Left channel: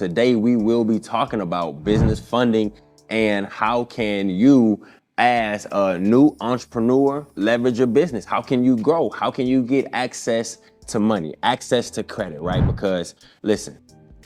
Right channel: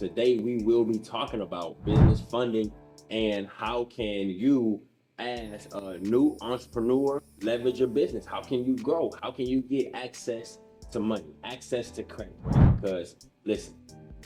today we will be talking about business funding and how can you, as a new entrepreneur, leverage your business. How can you grow? How can you get access to money, access to credit, right? Because listen,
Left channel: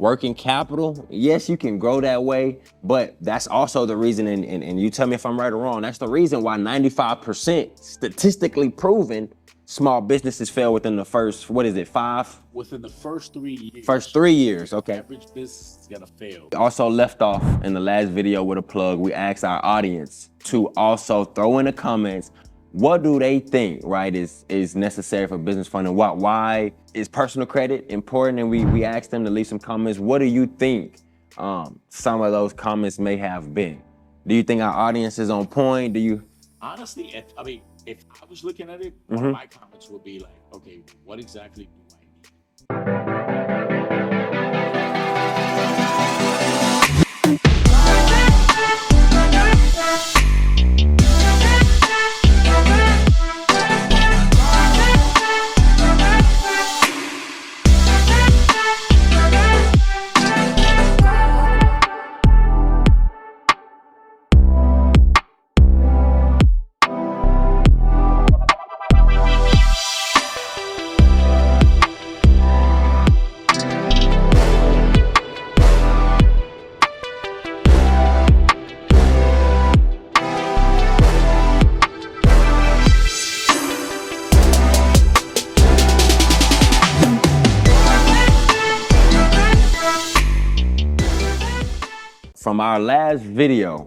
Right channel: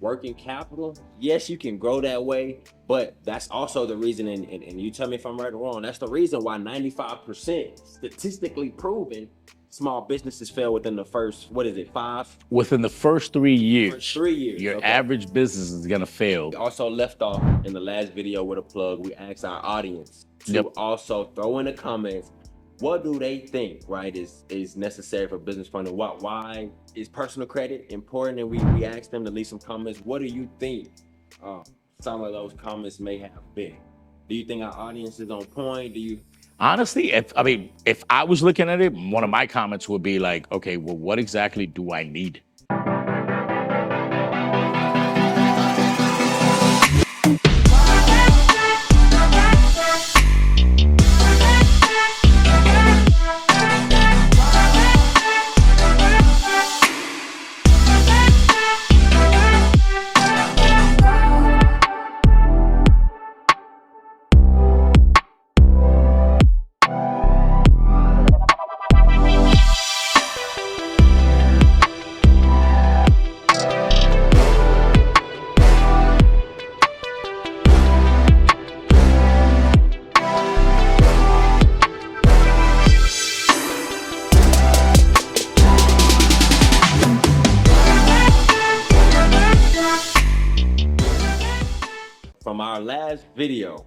working capital, yes, you can grow that way, but that's also the reason, and you tell me if I'm right or wrong, that's the reason why 95% statistically proven small businesses fail within the first, what is it, 5? Within the first 3 years. First 3 years, Your okay. average business is gonna fail. Also left off in the last video with a plug, we asked our audience to also throw in the comments, what do they think, right, is necessary for business funding? Why is personal credit important? And we asked them to leave some comments. What do you think some of those comments may have been? Do you think our audience is on point? Do you? Honestly, if I was looking at it, one of my comments would be like, okay, well, what exactly do I need? From our last video,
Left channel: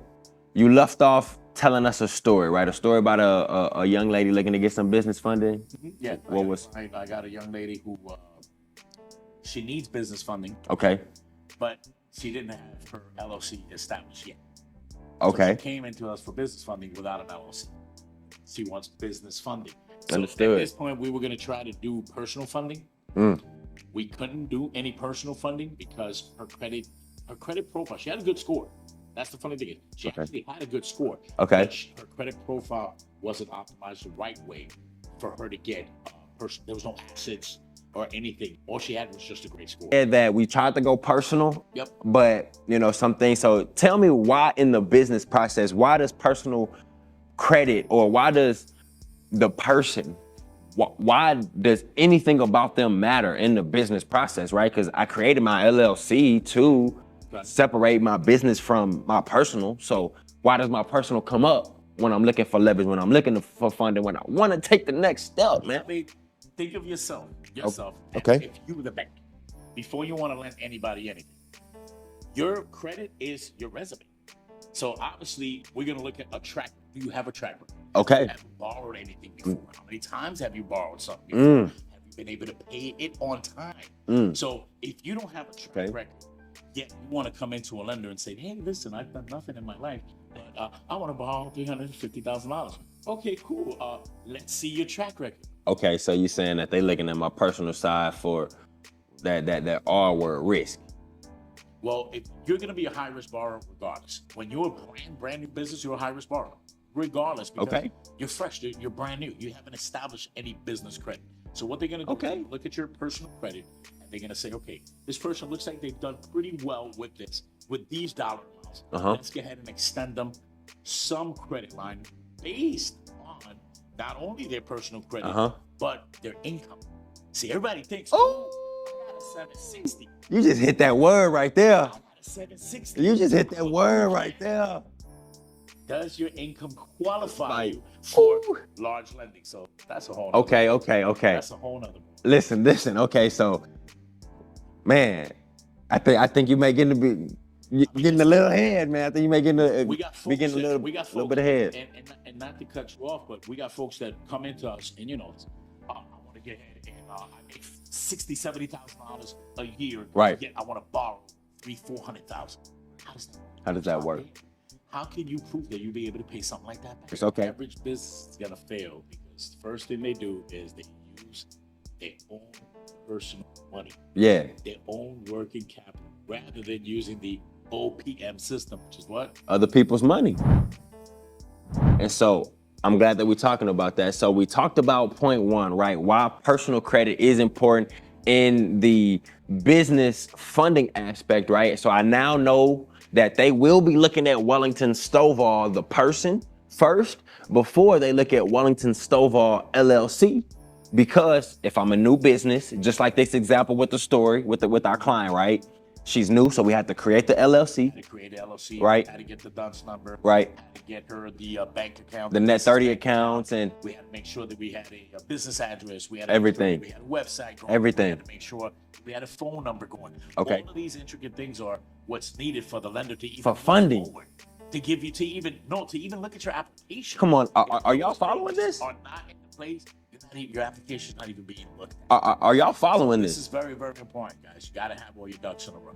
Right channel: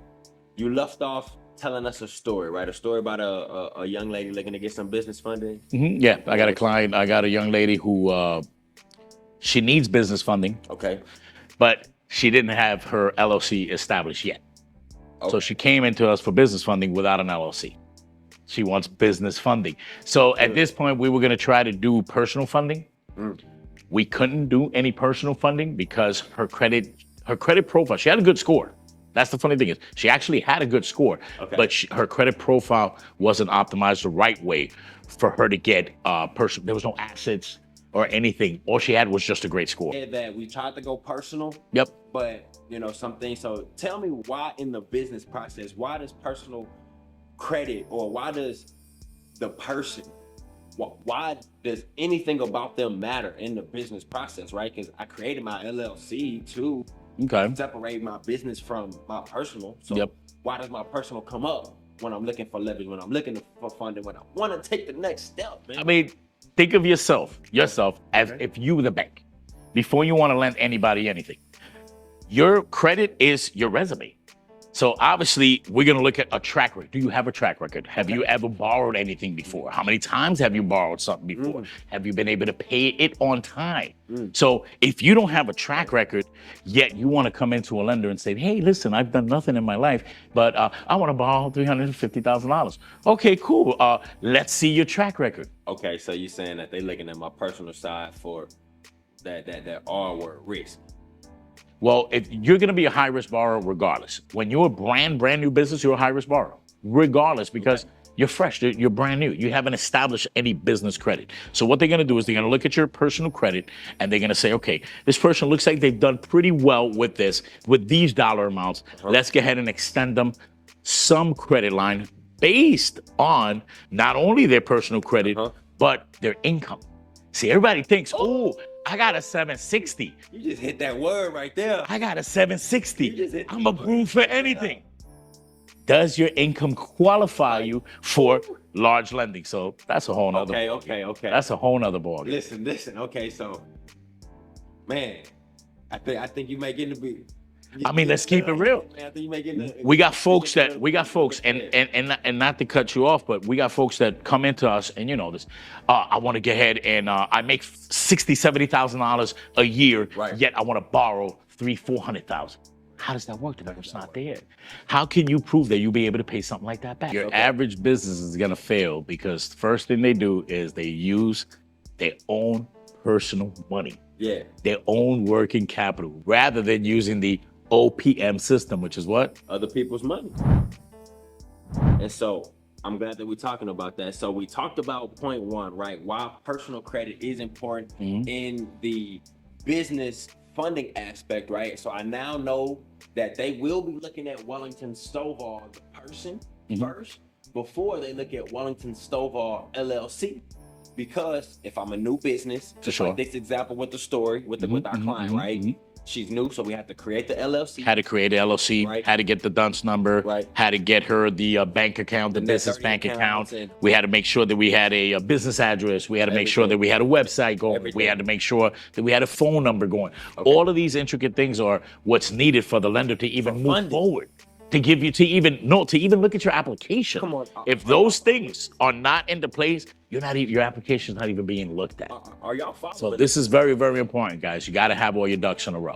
you left off telling us a story, right? A story about a young lady looking to get some business funding. Yeah, I got a client, I got a young lady who, she needs business funding. Okay. But she didn't have her LLC established yet. Okay. So she came into us for business funding without an LLC. She wants business funding. So Understood. at this point, we were gonna try to do personal funding. We couldn't do any personal funding because her credit profile, she had a good score. That's the funny thing is, she actually had a good score, Okay. but her credit profile wasn't optimized the right way for her to get there was no assets or anything. All she had was just a great score. That we tried to go personal. Yep. But some things. So tell me why in the business process, why does personal credit, or why does the person, why does anything about them matter in the business process, right? Because I created my LLC to separate my business from my personal. So why does my personal come up when I'm looking for leverage, when I'm looking for funding, when I want to take the next step, man? I mean, think of yourself as if you were the bank. Before you want to lend anybody anything, your credit is your resume. So obviously, we're gonna look at a track record. Do you have a track record? Have you ever borrowed anything before? How many times have you borrowed something before? Have you been able to pay it on time? So if you don't have a track record, yet you wanna come into a lender and say, hey, listen, I've done nothing in my life, but I wanna borrow $350,000. Okay, cool, let's see your track record. Okay, so you're saying that they looking at my personal side for that R word, risk. Well, if you're gonna be a high-risk borrower regardless. When you're a brand new business, you're a high-risk borrower, regardless, because you're fresh, you're brand new. You haven't established any business credit. So what they're gonna do is they're gonna look at your personal credit and they're gonna say, okay, this person looks like they've done pretty well with these dollar amounts. Let's go ahead and extend them some credit line based on not only their personal credit, but their income. See, everybody thinks, oh, I got a 760. You just hit that word right there. I got a 760. You just hit that word for right anything. there. Does your income qualify you for large lending? So that's a whole nother Okay. That's a whole nother ball. Listen. Okay, so, man, I think you may get in the let's keep it real, man. I think you may get in the. We got folks and not to cut you off, but we got folks that come into us and you know this. I want to get ahead and I make $60,000, $70,000 a year, yet I want to borrow $300,000-$400,000. How does that work? How does that work? How can you prove that you'll be able to pay something like that back? Your average business is gonna fail because the first thing they do is they use their own personal money. Yeah. Their own working capital, rather than using the OPM system, which is what? Other people's money. And so I'm glad that we're talking about that. So we talked about point one, right? Why personal credit is important in the business funding aspect, right? So I now know that they will be looking at Wellington Stovall, the person, first, before they look at Wellington Stovall LLC. Because if I'm a new business, just like this example with the story with our client, right? She's new, so we had to create the LLC. Had to create an LLC, right? Had to get the DUNS number, right? Had to get her the bank account, the net 30 bank account. And we had to make sure that we had a business address. We had to make sure that we had a website going. We had to make sure that we had a phone number going. All of these intricate things are what's needed for the lender to even move forward. To give you to even look at your application. Come on, if those things are not into place, your application's not even being looked at. Are y'all following this? This is very, very important, guys. You got to have all your ducks in a row.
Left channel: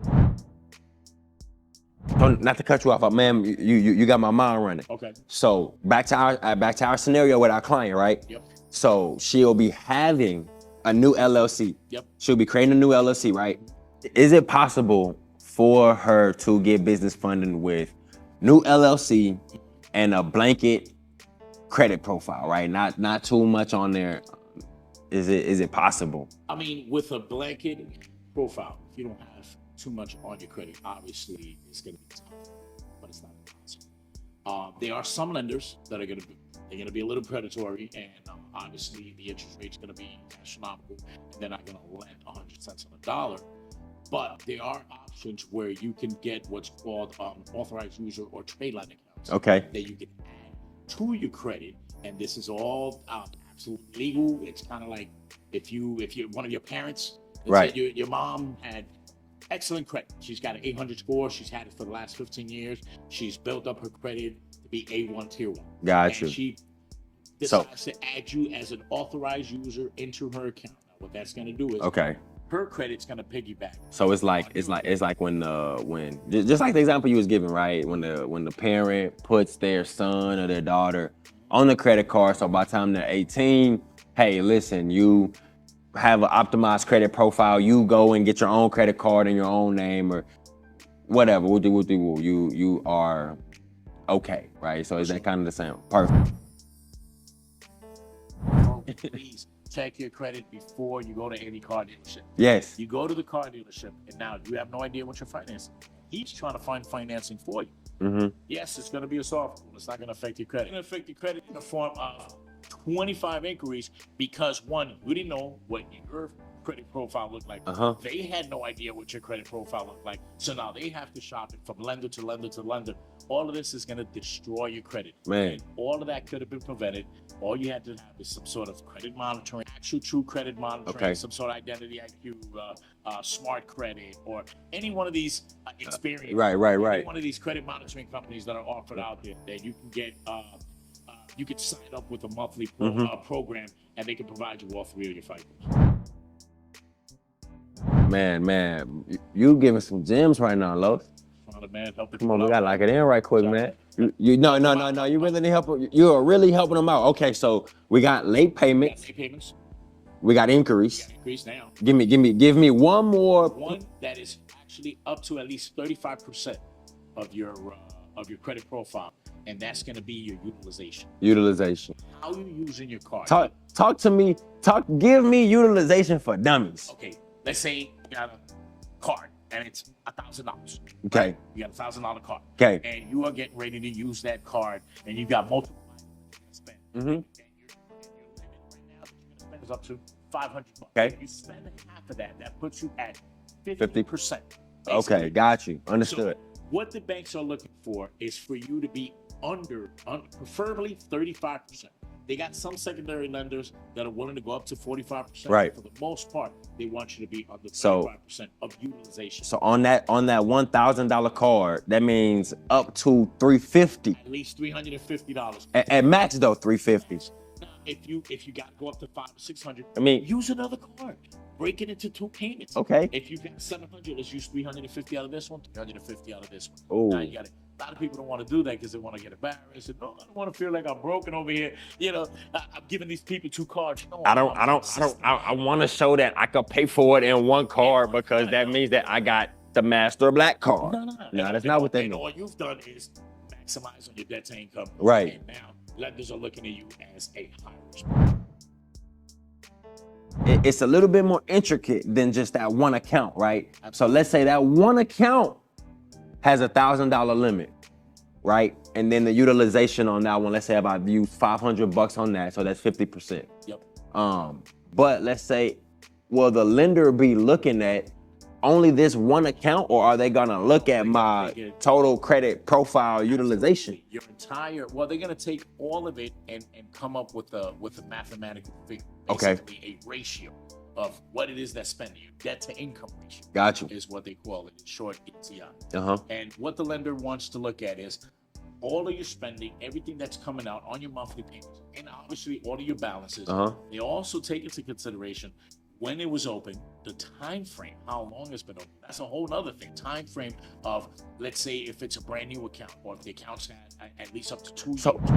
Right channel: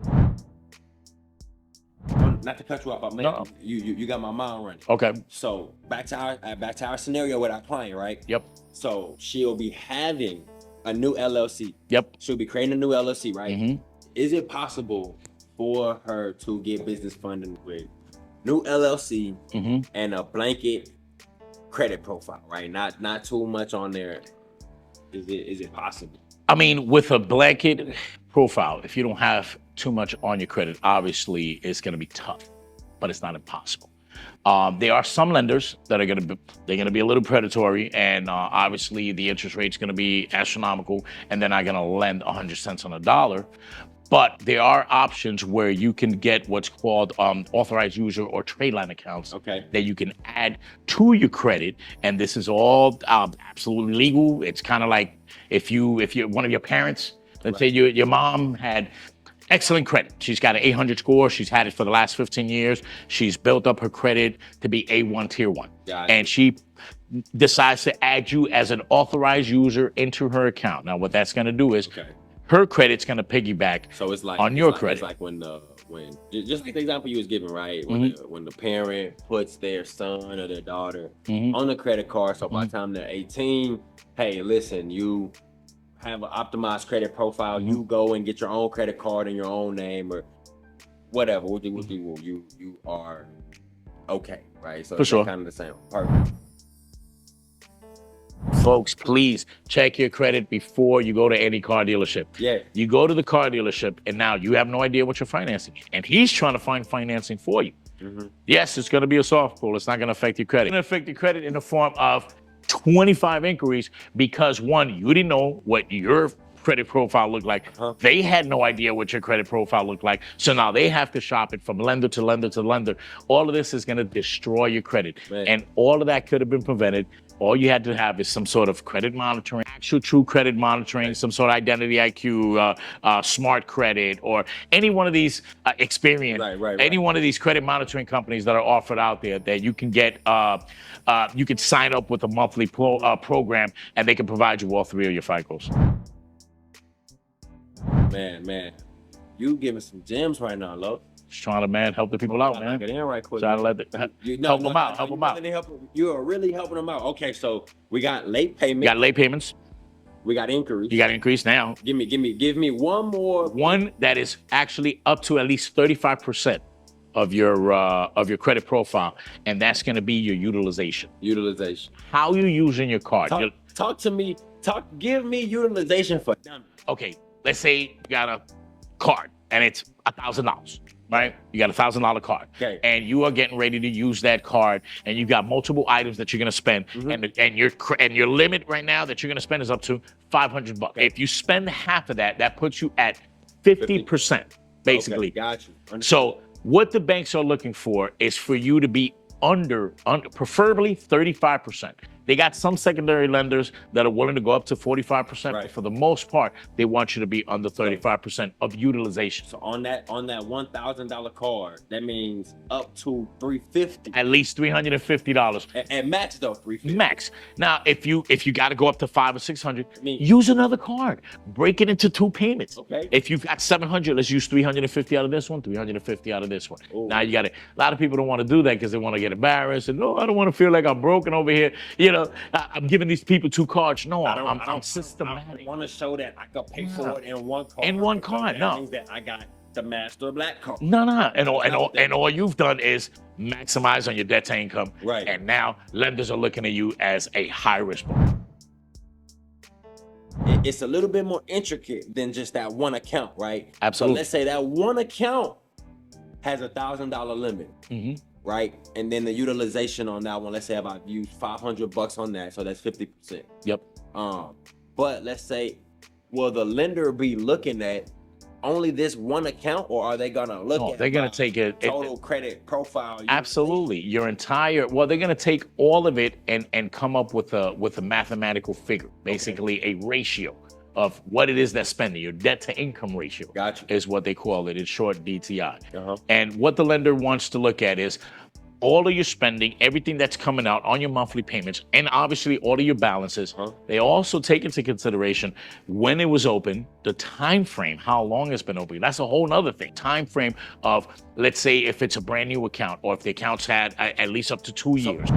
Not to cut you off, man. You got my mind running. Okay. So back to our scenario with our client, right? Yep. So she'll be having a new LLC. Yep. She'll be creating a new LLC, right? Is it possible for her to get business funding with new LLC and a blanket credit profile, right? Not too much on there. Is it possible? I mean, with a blanket profile, if you don't have too much on your credit, obviously it's going to be tough, but it's not impossible. There are some lenders that are going to be a little predatory, and obviously the interest rate's going to be astronomical, and they're not going to lend 100 cents on a dollar. But there are options where you can get what's called authorized user or trade line accounts that you can add to your credit, and this is all absolutely legal. It's kind of like if you're one of your parents, let's say your mom had excellent credit. She's got an 800 score. She's had it for the last 15 years. She's built up her credit to be A1 Tier 1. And she decides to add you as an authorized user into her account. Now, what that's going to do is her credit's going to piggyback on your credit. It's like when just like the example you was giving, right? When the parent puts their son or their daughter on the credit card, so by the time they're 18, hey, listen, you have an optimized credit profile. You go and get your own credit card in your own name or whatever. You are okay, right? So it's kind of the same. Perfect. Folks, please check your credit before you go to any car dealership. Yes. You go to the car dealership and now you have no idea what you're financing. And he's trying to find financing for you. Yes, it's going to be a soft pull. It's not going to affect your credit. It's going to affect your credit in the form of 25 inquiries because one, you didn't know what your credit profile looked like. They had no idea what your credit profile looked like. So now they have to shop it from lender to lender to lender. All of this is going to destroy your credit. And all of that could have been prevented. All you had to have is some sort of credit monitoring, actual true credit monitoring, some sort of identity IQ, smart credit, or any one of these Experian, any one of these credit monitoring companies that are offered out there that you can get, you can sign up with a monthly program and they can provide you all three of your FICOs. Man, you giving some gems right now, Los. Just trying to, help the people out. We gotta lock it in right quick, man. No. You are really helping them out. Okay, so we got late payments. We got late payments. We got inquiries. You got increase now. Give me one more. One that is actually up to at least 35% of your credit profile, and that's going to be your utilization. How you using your card? Talk to me. Give me utilization for dummies. Okay, let's say you got a card and it's $1,000. Right? You got a $1,000 card. And you are getting ready to use that card, and you've got multiple items that you're going to spend, and your limit right now that you're going to spend is up to $500. If you spend half of that, that puts you at 50%, basically. Okay, got you. Understood. So what the banks are looking for is for you to be under preferably 35%. They got some secondary lenders that are willing to go up to 45%. But for the most part, they want you to be under 35% of utilization. So on that $1,000 card, that means up to $350. At least $350. At max though, $350. Max. Now, if you got to go up to $500 or $600, use another card. Break it into 2 payments. If you've got $700, let's use $350 out of this one, $350 out of this one. Now you got it. A lot of people don't want to do that because they want to get embarrassed and no, I don't want to feel like I'm broken over here. I'm giving these people 2 cards. No, I want to show that I could pay for it in one card because that means that I got the Master Black card. No. No, And, that's not what that means. all you've done is maximize on your debt to income. Right. And now lenders are looking at you as a high risk. It's a little bit more intricate than just that one account, right? Absolutely. So let's say that one account has $1,000 limit, right? And then the utilization on that one, let's say I use $500 on that, so that's 50%. Yep. But let's say, will the lender be looking at only this one account, or are they gonna look at they're my gonna take it- total credit profile utilization? Absolutely. Your entire, well, they're going to take all of it and come up with a mathematical figure, basically a ratio of what it is that's spending. Your debt to income ratio Gotcha. is what they call it. In short, DTI. Uh-huh. And what the lender wants to look at is all of your spending, everything that's coming out on your monthly payments, and obviously all of your balances. They also take into consideration when it was open, the time frame, how long it's been open. That's a whole other thing. Time frame of, let's say, if it's a brand new account, or if the account's had at least up to 2 years.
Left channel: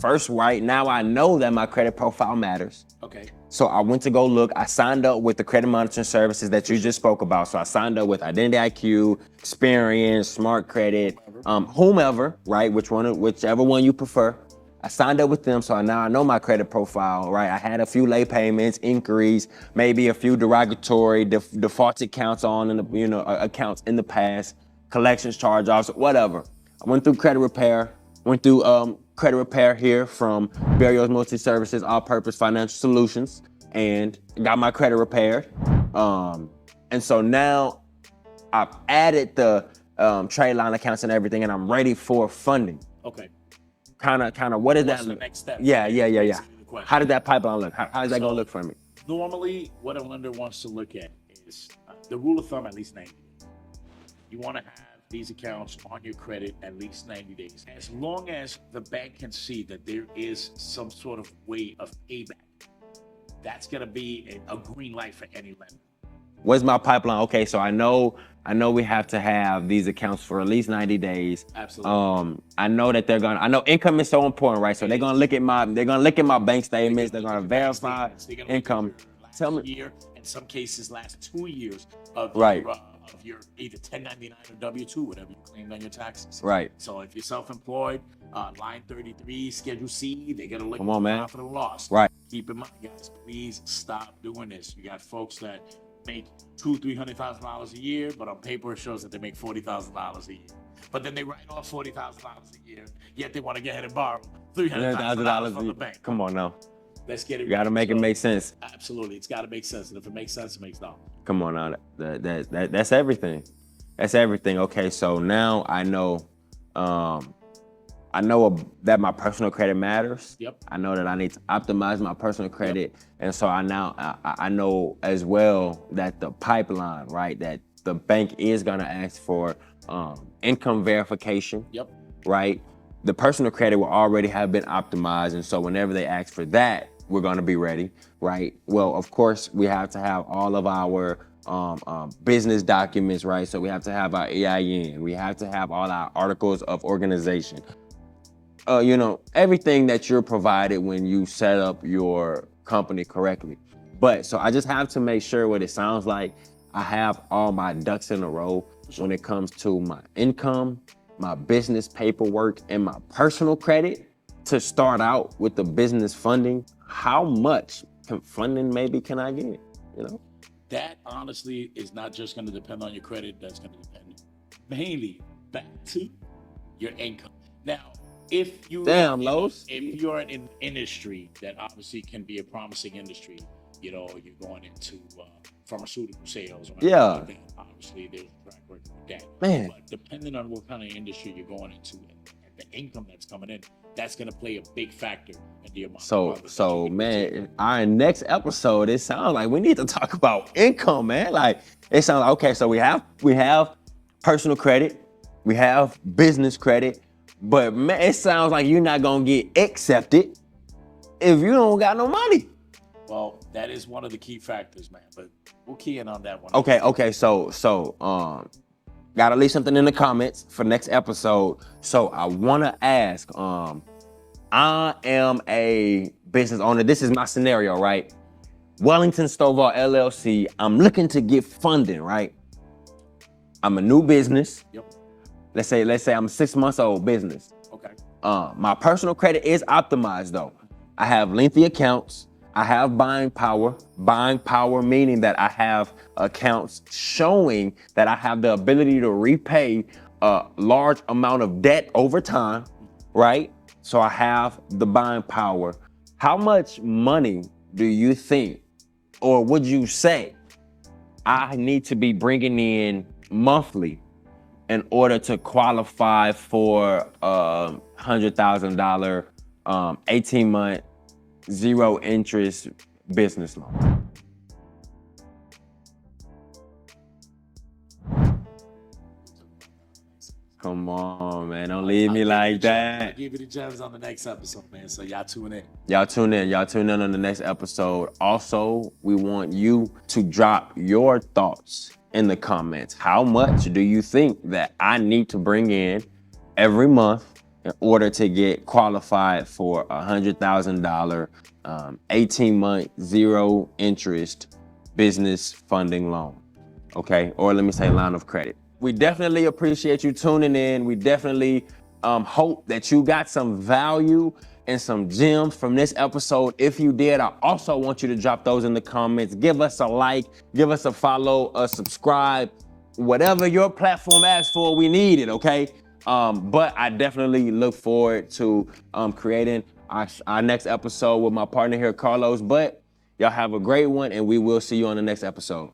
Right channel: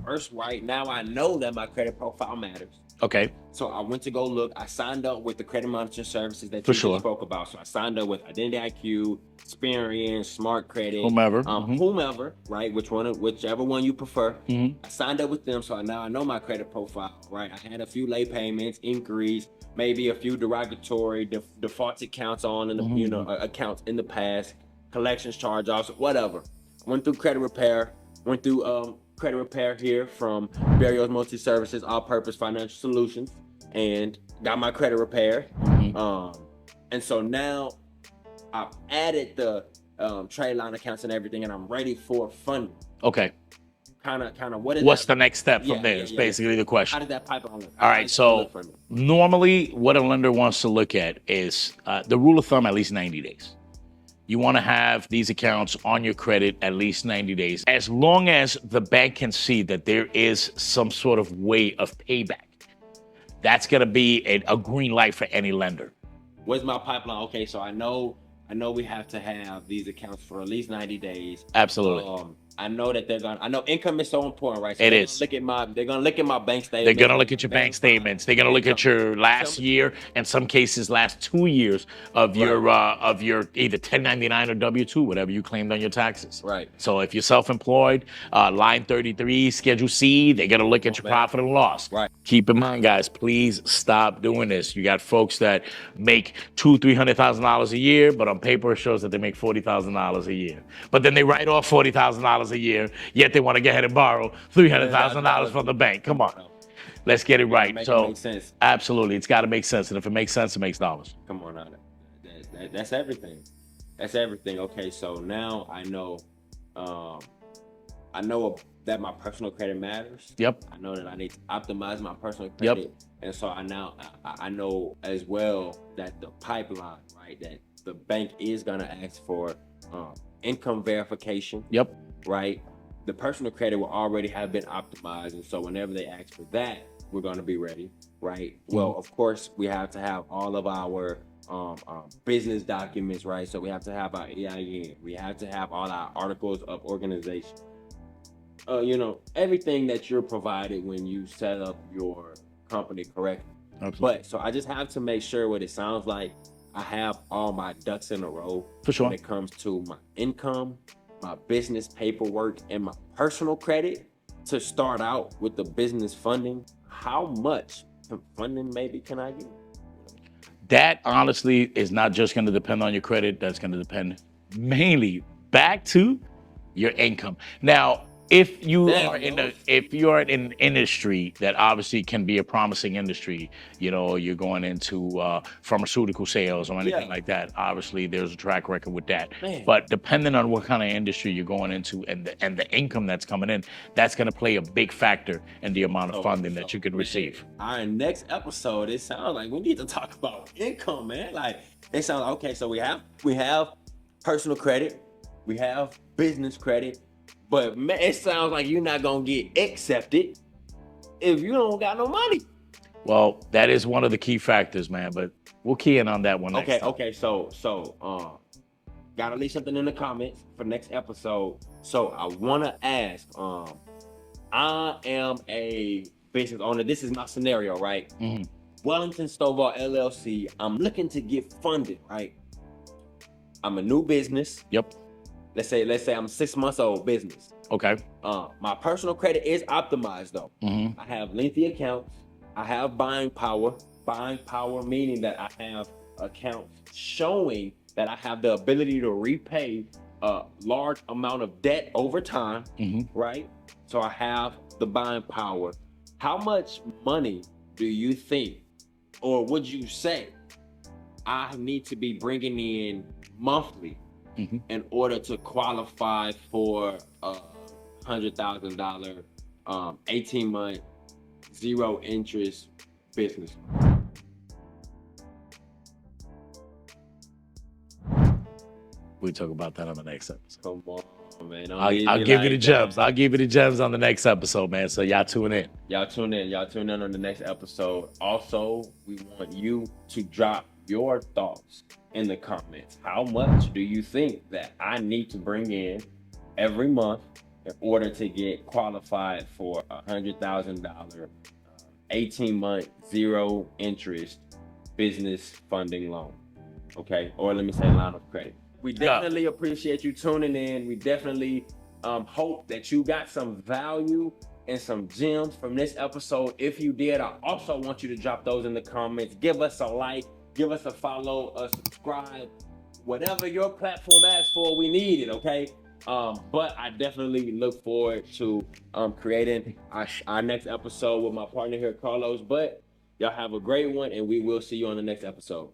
First, right now I know that my credit profile matters. Okay. So I went to go look. I signed up with the credit monitoring services that you sure. just spoke about. So I signed up with Identity IQ, Experian, Smart Credit, Whomever. whomever, right? Whichever one you prefer. I signed up with them, so now I know my credit profile, right? I had a few late payments, inquiries, maybe a few derogatory defaulted accounts on, in the, accounts in the past, collections, charge-offs, whatever. I went through credit repair, went through credit repair here from Barrios Multi-Services, All-Purpose Financial Solutions, and got my credit repaired. And so now I've added the trade line accounts and everything, and I'm ready for funding. Okay. Kind of, what is What's that? the next step? Yeah, from there yeah, is yeah. basically the question. How did that pipeline look? All right, How's that gonna so look for me? normally what a lender wants to look at is the rule of thumb, at least 90 days. You want to have these accounts on your credit at least 90 days, as long as the bank can see that there is some sort of way of payback. That's going to be a green light for any lender. What's my pipeline? Okay, so I know we have to have these accounts for at least 90 days. Absolutely. I know that I know income is so important, right? So It they're is. gonna look at my bank statements. They're going to look gonna at your bank verify statements. They're going to look at income. your Tell last me- year, in some cases, last 2 years of your either 1099 or W-2, whatever you claimed on your taxes. Right. So if you're self-employed, line 33, Schedule C, they're going to look at on, your man. profit and loss. Right. Keep in mind, guys, please stop doing this. You got folks that make $200,000-$300,000 a year, but on paper it shows that they make $40,000 a year. But then they write off $40,000 a year, yet they want to go ahead and borrow $300,000 from the bank. Come on now. Let's get it You gotta right. make it make sense. Absolutely, it's got to make sense, and if it makes sense, it makes dollars. Come on now. That's everything. That's everything. Okay, so now I know that my personal credit matters. Yep. I know that I need to optimize my personal credit. And so I know as well that the pipeline, right, that the bank is gonna ask for income verification. Yep. Right? The personal credit will already have been optimized, and so whenever they ask for that, we're gonna be ready, right? Well, of course, we have to have all of our business documents, right? So we have to have our EIN, we have to have all our articles of organization. Everything that you're provided when you set up your company correctly. Absolutely. But so I just have to make sure what it sounds like I have all my ducks in a row For sure. when it comes to my income, my business paperwork, and my personal credit to start out with the business funding. How much funding maybe can I get? That honestly is not just going to depend on your credit. That's going to depend mainly back to your income. Now, if you are in an industry that obviously can be a promising industry, you're going into pharmaceutical sales or anything like that. Obviously, there's a track record with that. Man. But depending on what kind of industry you're going into and the income that's coming in, that's going to play a big factor in the amount of funding that you can receive. Our next episode, it sounds like we need to talk about income, man. Like it sounds like, okay, so we have personal credit, we have business credit. But man, it sounds like you're not gonna get accepted if you don't got no money. Well, that is one of the key factors, man. But we'll key in on that one. Okay. So gotta leave something in the comments for next episode. So I wanna ask, I am a business owner. This is my scenario, right? Wellington Stovall LLC. I'm looking to get funding, right? I'm a new business. Yep. Let's say I'm 6 months old business. Okay. My personal credit is optimized though. I have lengthy accounts. I have buying power. Buying power meaning that I have accounts showing that I have the ability to repay a large amount of debt over time, right? So I have the buying power. How much money do you think, or would you say, I need to be bringing in monthly in order to qualify for a $100,000 18-month zero interest business loan? We talk about that on the next episode. Come on, man. Don't I'll leave me give like you the gems. that. I'll give you the gems on the next episode, man. So y'all tune in. Y'all tune in. Y'all tune in on the next episode. Also, we want you to drop your thoughts in the comments. How much do you think that I need to bring in every month in order to get qualified for a $100,000 18-month zero interest business funding loan? Okay, or let me say line of credit. We definitely appreciate you tuning in. We definitely hope that you got some value and some gems from this episode. If you did, I also want you to drop those in the comments. Give us a like, give us a follow, a subscribe, whatever your platform asks for, we need it, okay? But I definitely look forward to creating our next episode with my partner here, Carlos. But y'all have a great one, and we will see you on the next episode.